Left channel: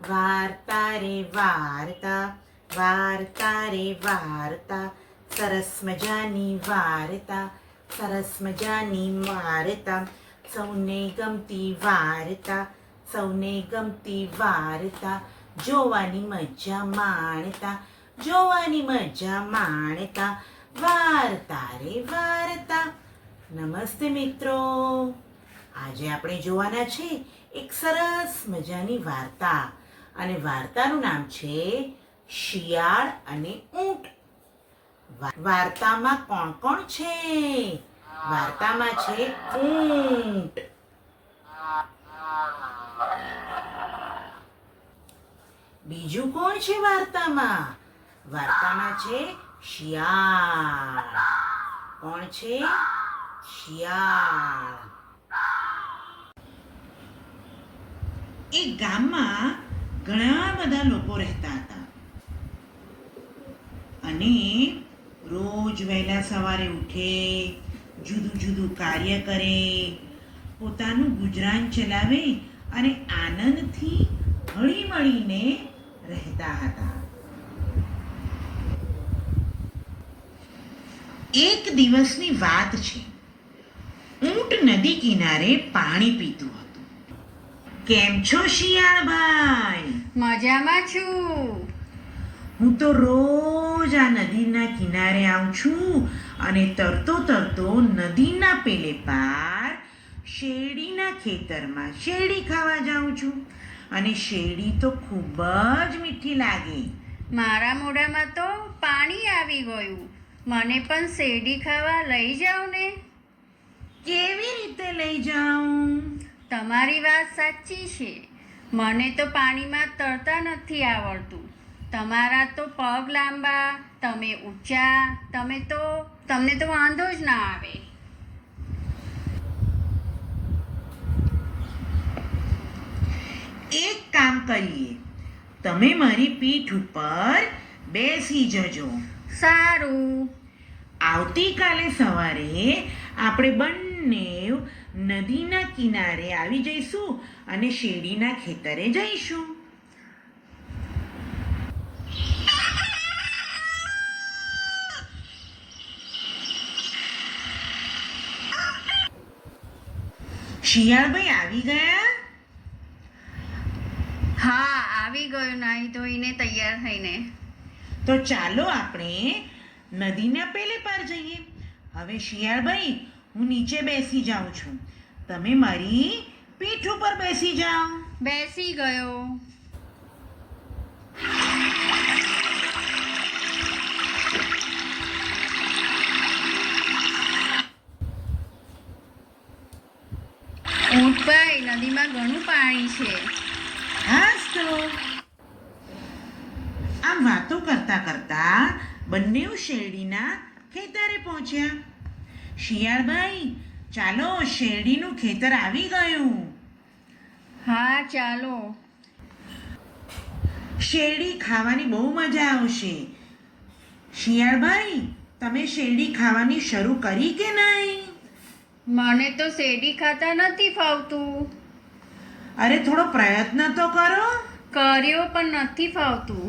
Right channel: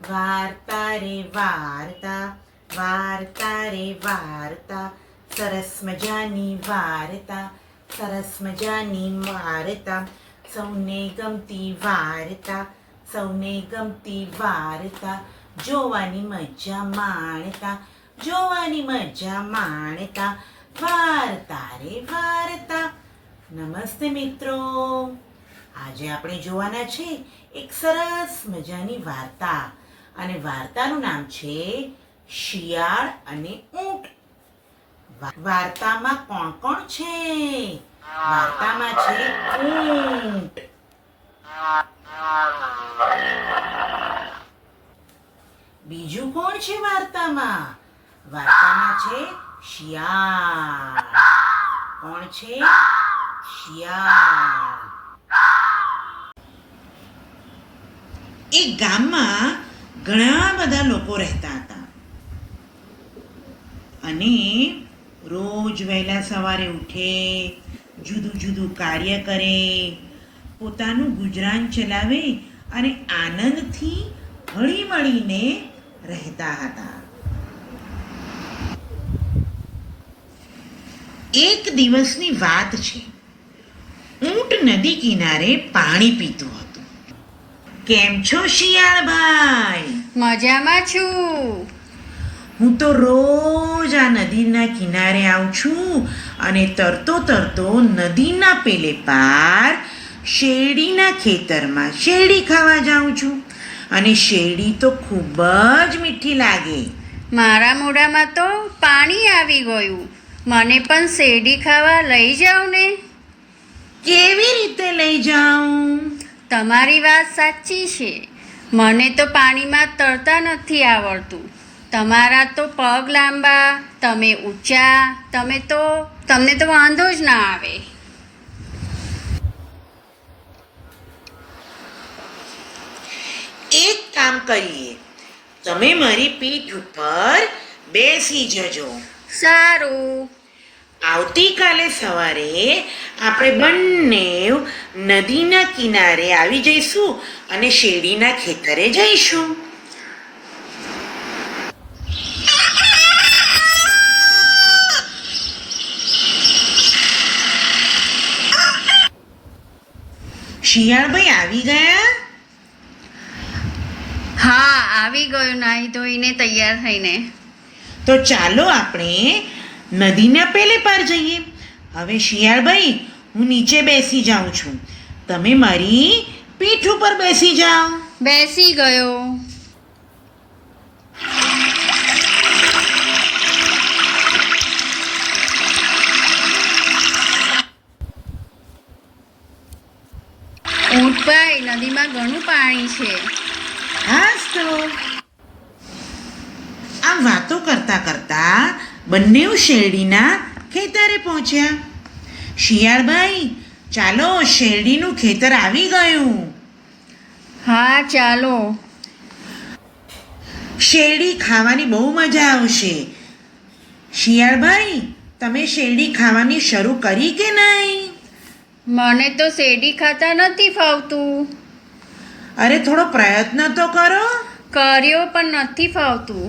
વાર્તા રે વાર્તા, વાર્તા રે વાર્તા, સરસ મજાની વાર્તા, સરસ મજાની વાર્તા, સૌને ગમતી વાર્તા, સૌને ગમતી વાર્તા, જોવાની મજા માણતા, જોવાની મજા માણતા, વાર્તા રે વાર્તા. નમસ્તે મિત્રો, આજે આપણે જોવાના છે એક સરસ મજાની વાર્તા, અને વાર્તાનું નામ છે શિયાળ અને ઊંટ. વાર્તામાં કોણ કોણ છે? વાર્તામાં છે ઊંટ. બીજું કોણ છે વાર્તામાં? વાર્તામાં છે શિયાળ. કોણ છે? શિયાળ. એક ગામમાં ઘણા બધા લોકો રહેતા હતા, અને રોજ વહેલા સવારે ઉઠે, જુદું જુદું કાર્ય કરે, પોતાનું ગુજરાન ચલાવે અને આનંદથી હળી મળીને રહેતા હતા. એક દિવસની વાત છે. ઊંટ નદી કિનારે પાણી પીતું હતું. કેમ છો શિયાળભાઈ? મજામાં છું. હું તો રોજ આ નદીના કિનારે આવું છું અને તરતો તરતો નદીના પેલે પાર શેરડીના ખેતરમાં શેરડી ખાવા જાઉં છું, અને શેરડી તો ખૂબ જ મીઠી લાગે. મારા મોઢામાં તો પાણી આવી ગયું. મને પણ શેરડી ખાવા લઈ જાઓ ને. કેવી રીતે લઈ જાઉં? તમારી વાત સાચી છે. મને તો પાણીમાં તરતા નથી આવડતું. તમારા તો પગ લાંબા, તમે ઊંચા, તમને તો વાંધો જ ના આવે. એક કામ કરીએ, તમે મારી પીઠ ઉપર બેસી જજો. સારું. આવતીકાલે સવારે આપણે બંને નદીના કિનારે આવી જઈશું અને શેરડીના ખેતરે જઈશું. શિયાળભાઈ આવી ગયા? હા, આવી ગયો નાહી ધોઈને તૈયાર થઈને. તો ચાલો આપણે નદીના પેલે પાર જઈએ. હવે શિયાળભાઈ, હું નીચે બેસી જાઉં છું, તમે મારી પીઠ ઉપર બેસી જાઓ. બેસી ગયો. ઊંટભાઈ, નદીમાં ઘણું પાણી છે. હાસ તો. આમ વાતો કરતા કરતા બંને શેરડીના ખેતરે પહોંચ્યા. શિયાળભાઈ, ચાલો, શેરડીનું ખેતર આવી ગયું. હા, ચાલો. શેરડી ખાવાની બહુ મજા આવશે. શિયાળભાઈ, તમે શેરડી ખાવાની શરૂ કરી કે નહીં? મને તો શેરડી ખાતા નથી ફાવતું. અરે થોડો પ્રયત્ન તો કરો. કર્યો પણ નથી ફાવતું.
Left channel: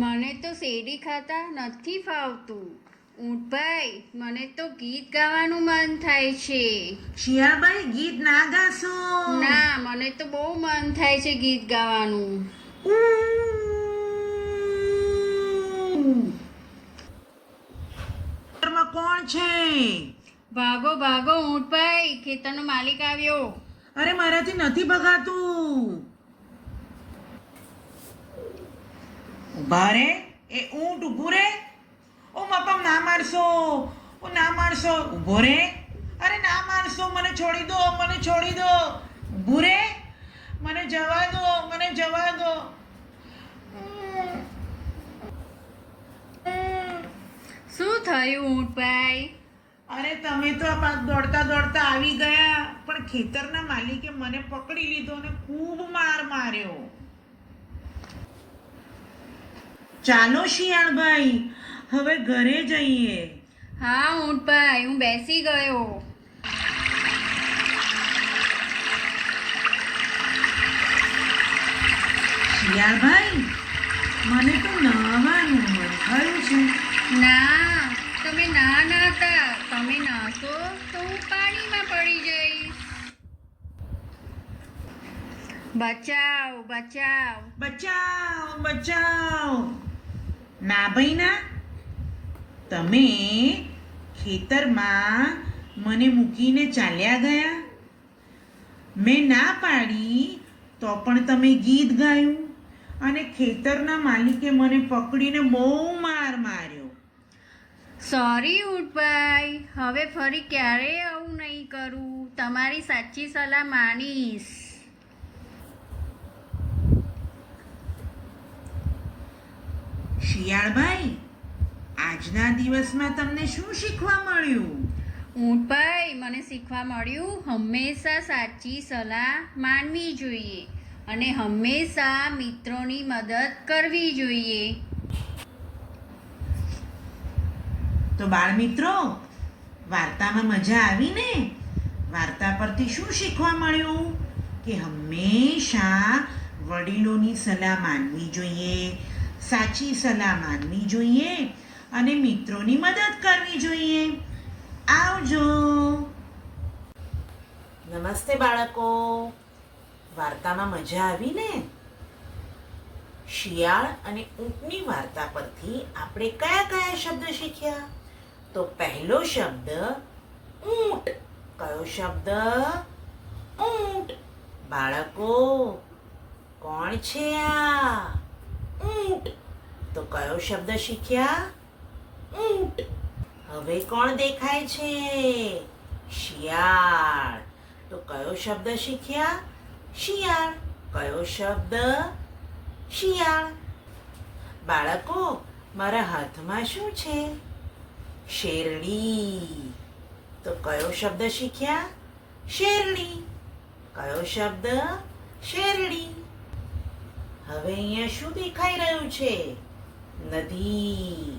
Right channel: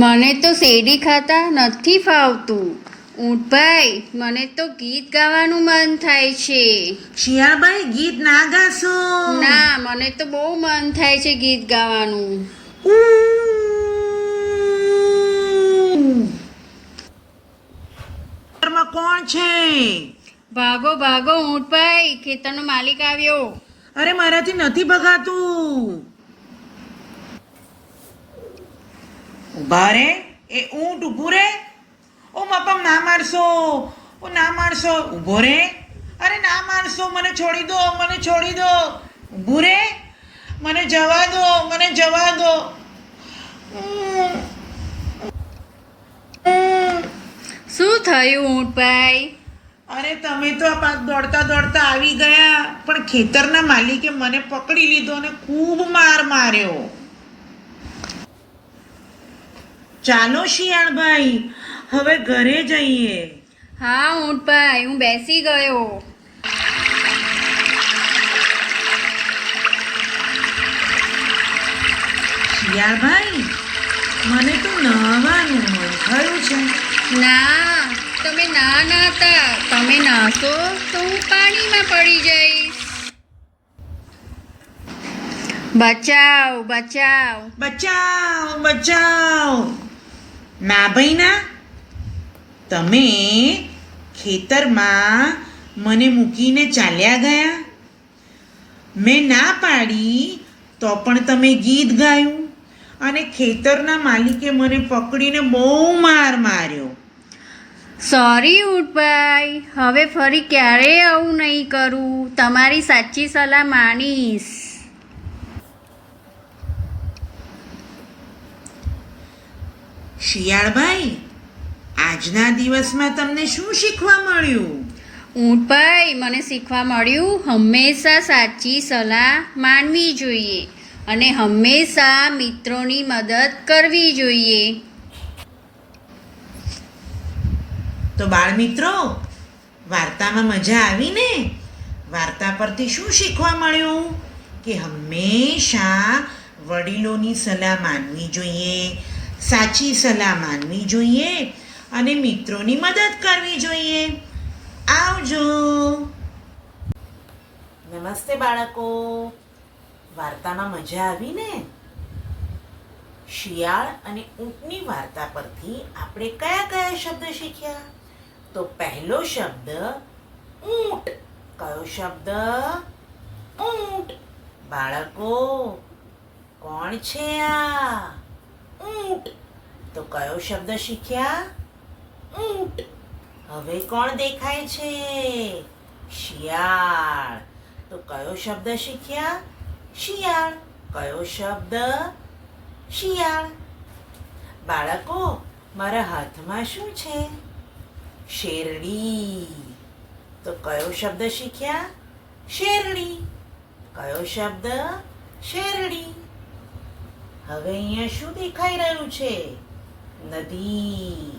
મને તો શેરડી ખાતા નથી ફાવતું. ઊંટભાઈ, મને તો ગીત ગાવાનું મન થાય છે. શિયાળભાઈ, ગીત ના ગાશો. ના, મને તો બહુ મન થાય છે ગીત ગાવાનું. ઘરમાં કોણ છે? ભાગો ભાગો ઊંટભાઈ, ખેતરનો માલિક આવ્યો. અરે મારાથી નથી ભગાતું. ઉભા રે, એ ઊંટ ઊભું રે. ઓ બાપા, ના મારશો, ઓ ના મારશો. ઊભો રે. અરે ના મારશો, મને છોડી દો, મને છોડી દો. ઊભું રે, મને જવા દો, મને જવા દો. શું થયું ઊંટભાઈ? અરે તમે તો આ પાક દોડતા દોડતા આવી ગયા, પણ ખેતરના માલિકે મને પકડી લીધો અને ખૂબ માર માર્યો. ચાલો શિયાળભાઈ, હવે ઘરે જઈએ. હા ઊંટભાઈ, હું બેસી ગયો. શિયાળભાઈ, મને તો નહાવાનું મન થયું છે. ના, તમે ના નાતા. તમે નાહશો તો હું પાણીમાં પડી જઈશ. બચાવ બચાવ. બચાવ બચાવ. ના ભાઈ ના, તમે ખેતરમાં મને મૂકીને ચાલ્યા ગયા. મેં ના પાડી તો પણ તમે ગીત ગાયું અને ખેતરના માલિકે મને પકડીને બહુ માર માર્યો. સોરી ઊંટભાઈ, હવે ફરી ક્યારેય આવું નહીં કરું. તમારી સાચી સલાહ માનીશ. શિયાળભાઈ, આજના દિવસમાં તમને શું શીખવા મળ્યું? ઊંટભાઈ, મને શીખવા મળ્યું હંમેશા સાચી સલાહ માનવી જોઈએ અને હંમેશા મિત્રોની મદદ કરવી જોઈએ. તો બાળમિત્રો, વાર્તામાં મજા આવી ને? વાર્તા પરથી શું શીખવા મળ્યું? કે હંમેશા વડીલોની સલાહ માનવી જોઈએ, સાચી સલાહ માનવી જોઈએ અને મિત્રોની મદદ કરવી જોઈએ. આવજો. નમસ્તે બાળકો. વાર્તામાં મજા આવી ને? શિયાળ અને ઊંટની વાર્તા પરથી આપણે કયા કયા શબ્દ શીખ્યા? તો પહેલો શબ્દ ઊંટ. કયો શબ્દ? ઊંટ. બાળકો, કોણ છે આ? ઊંટ. તો કયો શબ્દ શીખ્યા? ઊંટ. હવે કોણ દેખાય છે? શિયાળ. તો કયો શબ્દ શીખ્યા? શિયાળ. કયો શબ્દ? શિયાળ. બાળકો, મારા હાથમાં શું છે? શેરડી. તો કયો શબ્દ શીખ્યા? શેરડી. કયો શબ્દ? શેરડી. હવે અહીંયા શું દેખાઈ રહ્યું છે? નદી.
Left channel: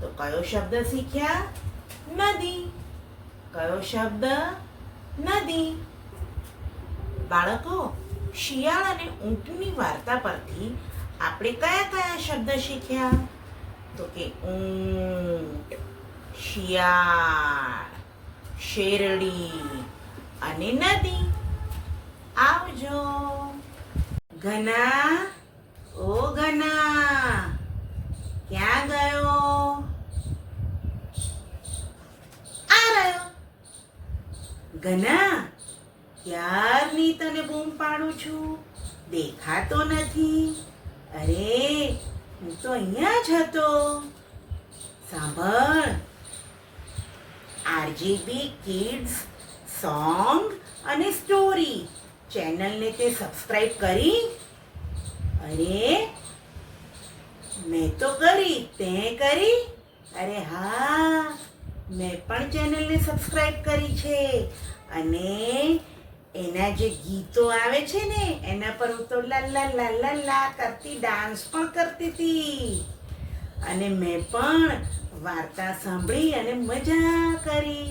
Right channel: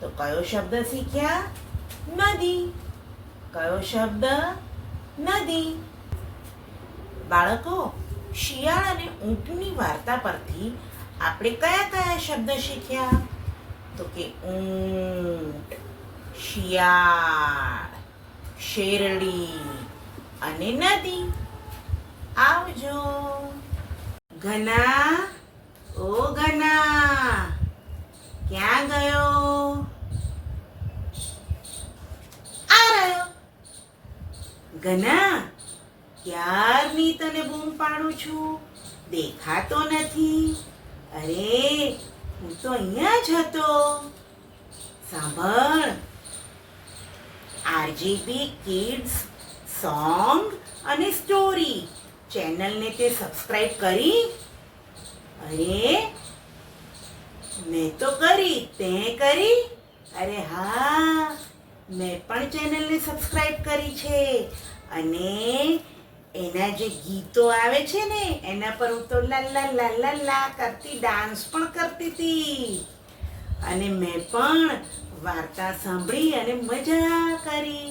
તો કયો શબ્દ શીખ્યા? નદી. કયો શબ્દ? નદી. બાળકો, શિયાળ અને ઊંટની વાર્તા પરથી આપણે કયા કયા શબ્દ શીખ્યા? તો કે ઊંટ, શિયાળ, શેરડી અને નદી. આવજો. ઘના, ઓ ઘના, ક્યાં ગયો? આ રહ્યો. ઘના, ક્યારની તને બૂમ પાડું છું, દેખાતો નથી. અરે, હું તો અહીંયા જ હતો. સાંભળ, આરજીબી કિડ્સ સોંગ અને સ્ટોરી ચેનલને તે સબસ્ક્રાઇબ કરી? અરે, મેં તો કરી, તે કરી? અરે હા, મેં પણ ચેનલને સબસ્ક્રાઇબ કરી છે અને એના જે ગીતો આવે છે ને એના પર હું તો લા લા લા લા લા કરતી ડાન્સ પણ કરતી હતી અને મેં પણ વાર્તા સાંભળી અને મજા કરી,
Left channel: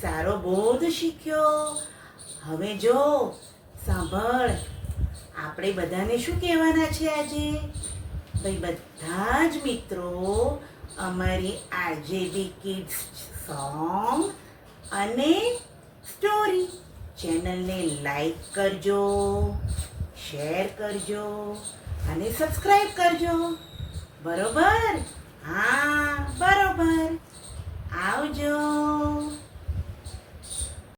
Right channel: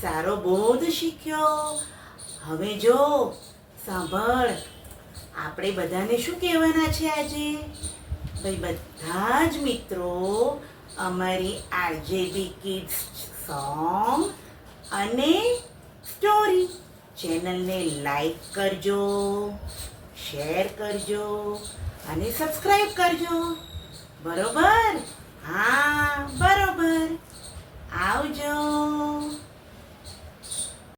સારો બોધ શીખ્યો. હવે જો સાંભળ, આપણે બધાને શું કહેવાના છે આજે? ભાઈ, બધા જ મિત્રો અમારી આરજેબી કિડ્સ સોંગ અને સ્ટોરી ચેનલને લાઈક કરજો, શેર કરજો અને સબસ્ક્રાઇબ કરજો. બરોબર? હા, બરોબર. આવજો.